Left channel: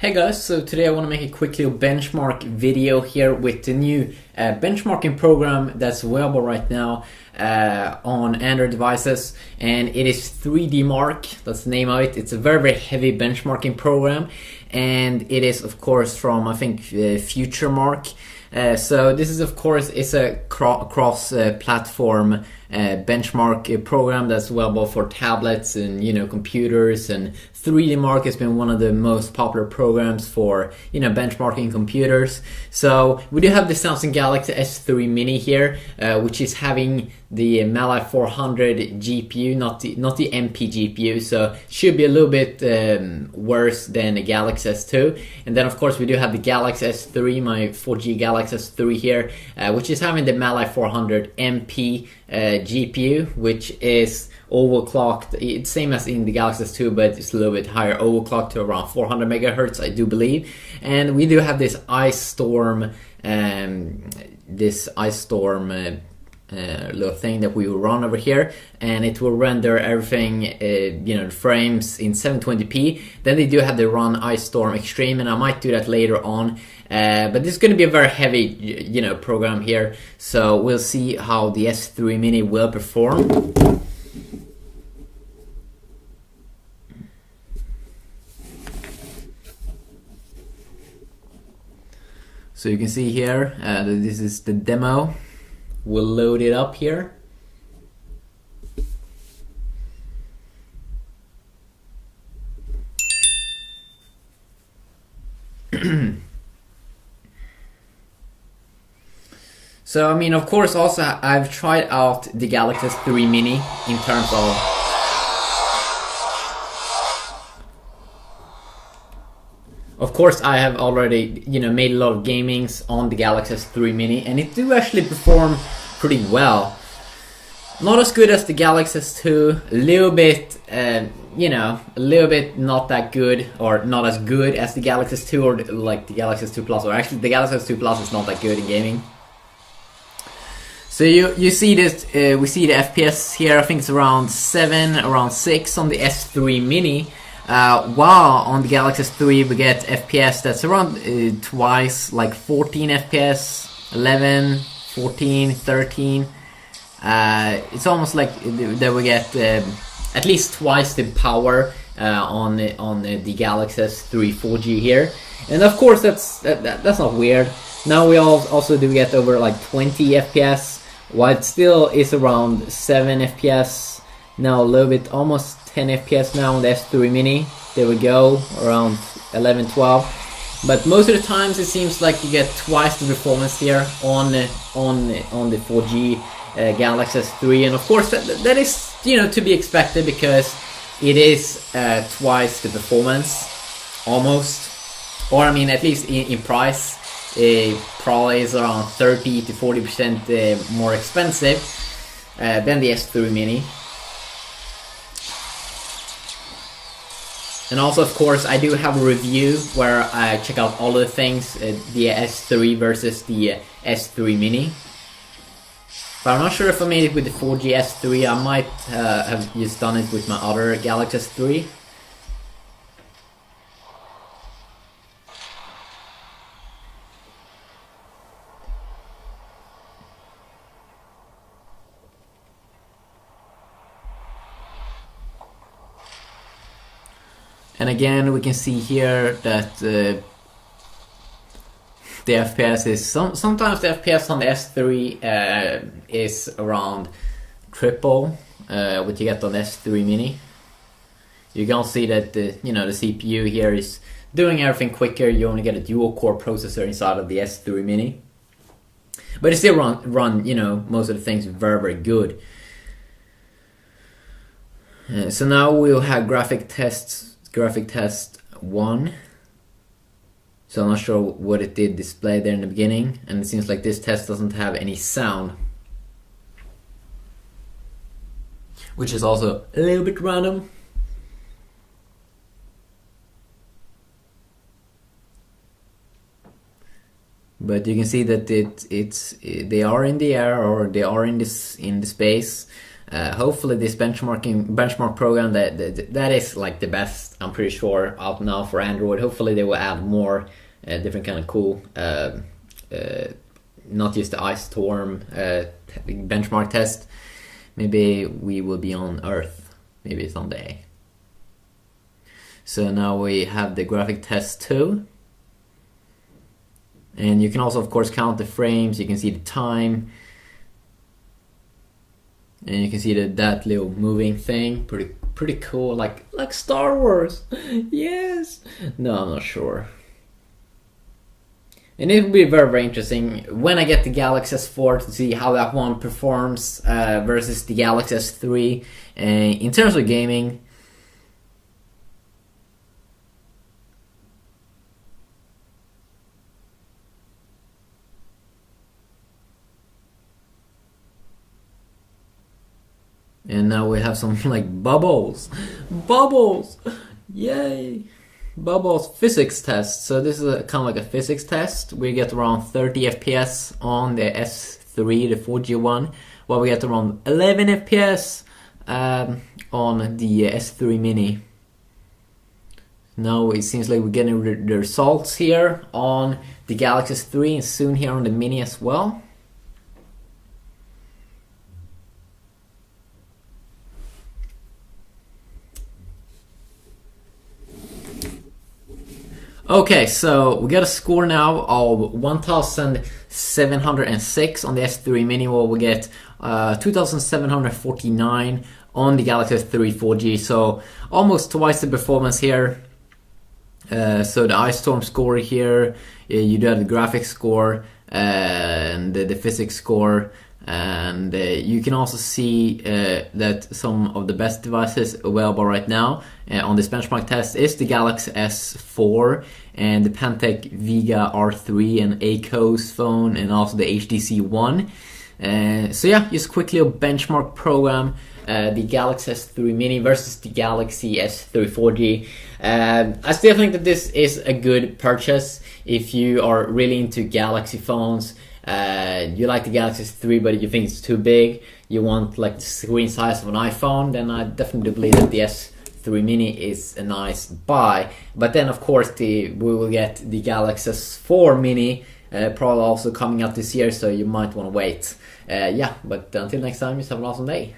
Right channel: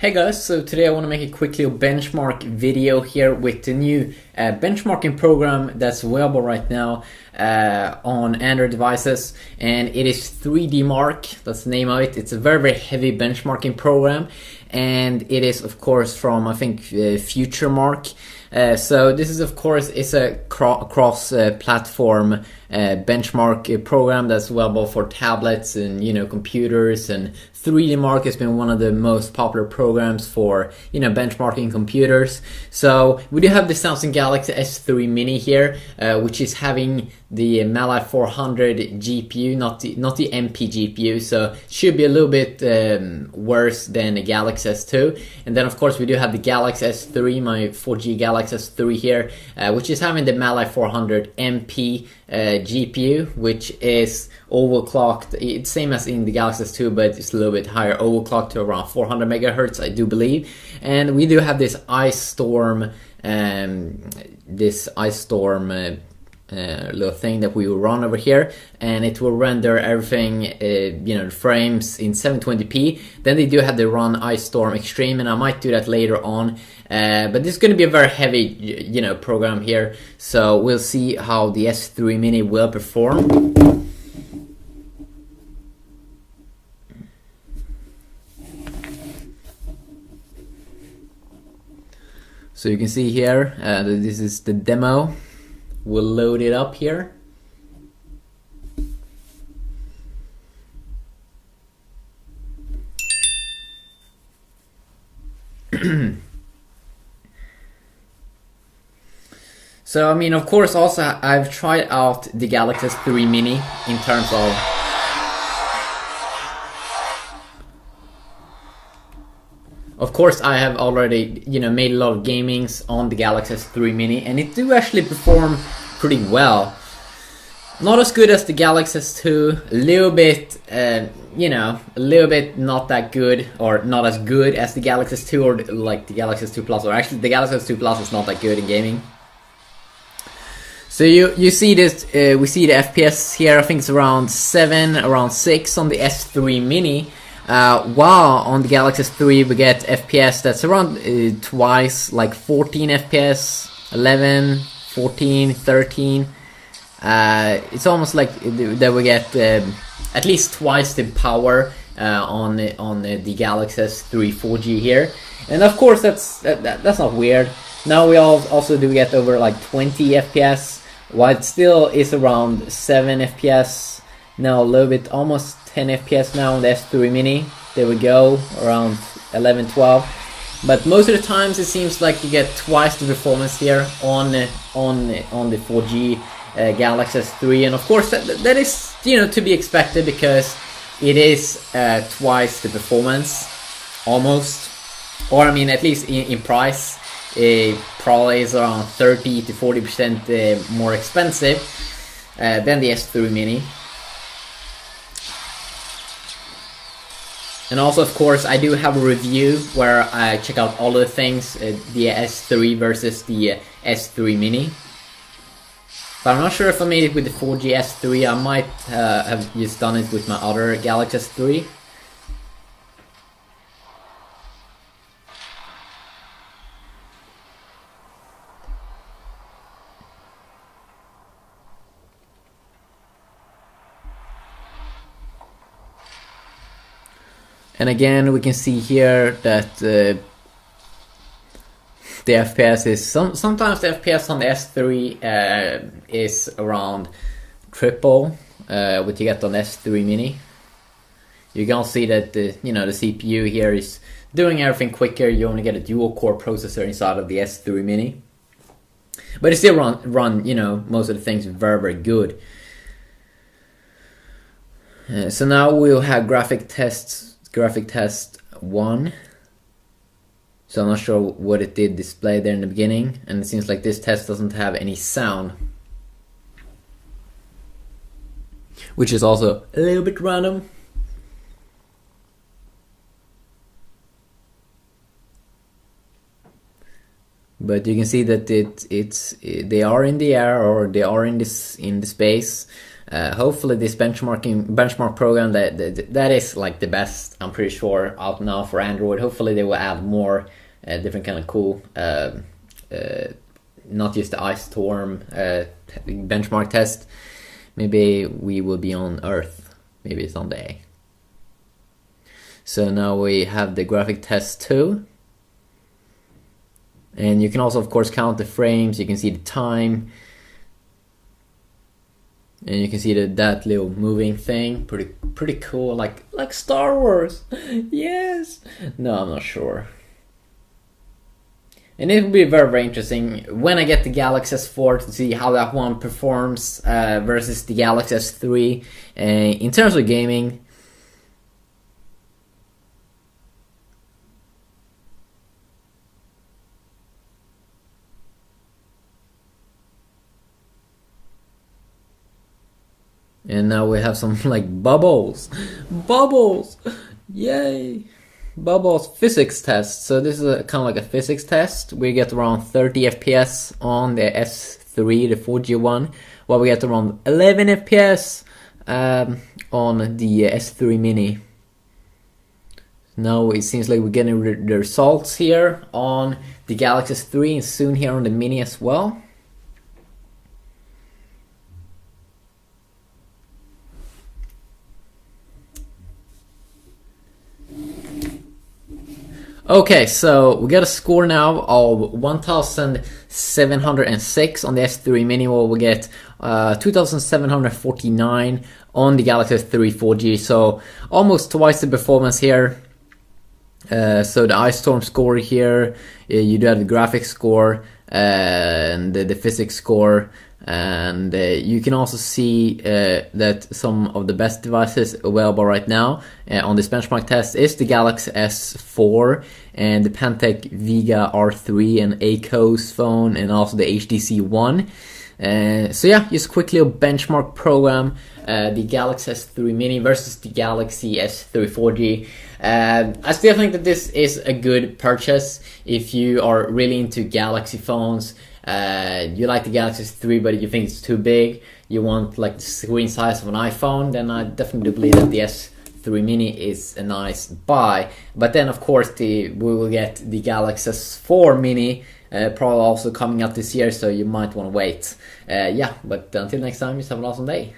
Hey guys, so today I want to make a quick little benchmark video here with the new benchmarking program that's available right now on Android devices, and it is 3DMark. That's the name of it. It's a very heavy benchmarking program, and it is of course from I think FutureMark. So this is of course a cross-platform benchmark program that's available for tablets and computers, and 3DMark has been one of the most popular programs for benchmarking computers. So we do have the Samsung Galaxy S3 Mini here, which is having the Mali 400 GPU, not the MP GPU, so should be a little bit worse than the Galaxy S2. And then of course we do have the Galaxy S3, my 4G Galaxy S3 here, which is having the Mali 400 MP GPU, which is overclocked. It's same as in the Galaxy S2, but it's a little bit higher overclocked to around 400 megahertz, I do believe. And we do have this ice storm little thing that we will run over here, and it will render everything frames in 720p. Then they do have the run ice storm extreme, and I might do that later on, but this is going to be a very heavy program here, so we'll see how the S3 Mini will perform. So you can see here that this is the demo. We'll load it up here. So I mean, of course, also I've tried out the Galaxy S3 Mini in terms of course, I have already, made a lot of gamings on the Galaxy S3 Mini, and it do actually perform pretty well. Not as good as the Galaxy S2, a little bit, a little bit not that good, or not as good as the Galaxy S2 or like the Galaxy S2 Plus, or actually the Galaxy S2 Plus is not that good in gaming. So you see this, we see the FPS here. I think it's around 7, around 6 on the S3 Mini. While on the Galaxy S3 we get FPS that's around twice, like 14 FPS, 11, 14, 13. It's almost like that we get at least twice the power on the Galaxy S3 4G here, and of course that's not weird. Now we also do get over like 20 FPS, while it still is around 7 FPS. Now a little bit, almost 10 FPS now on the S3 Mini. There we go, around 11, 12. But most of the times it seems like you get twice the performance here on the 4G Galaxy S3, and of course that is to be expected, because it is twice the performance, almost, or I mean at least in price. It probably is around 30 to 40% more expensive than the S3 Mini. And also, of course, I do have a review where I check out all of the things, the S3 versus the S3 Mini. But I'm not sure if I made it with the 4G S3. I might have just done it with my other Galaxy S3. And again, we can see here that the FPS is sometimes the FPS on the S3 is around triple what you get on the S3 Mini. You can see that the CPU here is doing everything quicker. You only get a dual core processor inside of the S3 Mini, but it still run most of the things very good. So now we'll have graphic test 1. So I'm not sure what it did display there in the beginning, and it seems like this test doesn't have any sound, which is also a little bit random. But you can see that they are in the air, or they are in the space. Hopefully this benchmark program that is like the best, I'm pretty sure, out now for Android. Hopefully they will add more different kind of cool, not just the ice storm benchmark test. Maybe we will be on Earth, maybe someday. So now we have the graphic test too. And you can also, of course, count the frames. You can see the time. And you can see that little moving thing. Pretty cool. Like Star Wars. Yes. No, I'm not sure. And it will be very, very interesting when I get the Galaxy S4 to see how that one performs versus the Galaxy S3. In terms of gaming, and now we have some like bubbles. Bubbles! Yay! Bubbles physics test. So this is kind of like a physics test. We get around 30 FPS on the S3, the 4G one, while we get around 11 FPS on the S3 Mini. Now it seems like we're getting the results here on the Galaxy S3 and soon here on the Mini as well. Okay, so we got a score now of 1,706 on the S3 Mini, while we get 2,749 on the Galaxy S3 4G, so almost twice the performance here. So the Ice Storm score here, you do have the graphics score and the physics score, and you can also see that some of the best devices available right now on this benchmark test is the Galaxy S4 and the Pantech Vega R3 and Acos phone, and also the HTC One. So yeah, just quickly a benchmark program, the Galaxy S3 Mini versus the Galaxy S3 4G. I still think that this is a good purchase if you are really into Galaxy phones. You like the Galaxy S3 but you think it's too big, you want like the screen size of an iPhone, then I definitely believe that the S3 Mini is a nice buy. But then of course we will get the Galaxy S4 Mini probably also coming out this year, so you might want to wait. Yeah, but until next time, just have an awesome day.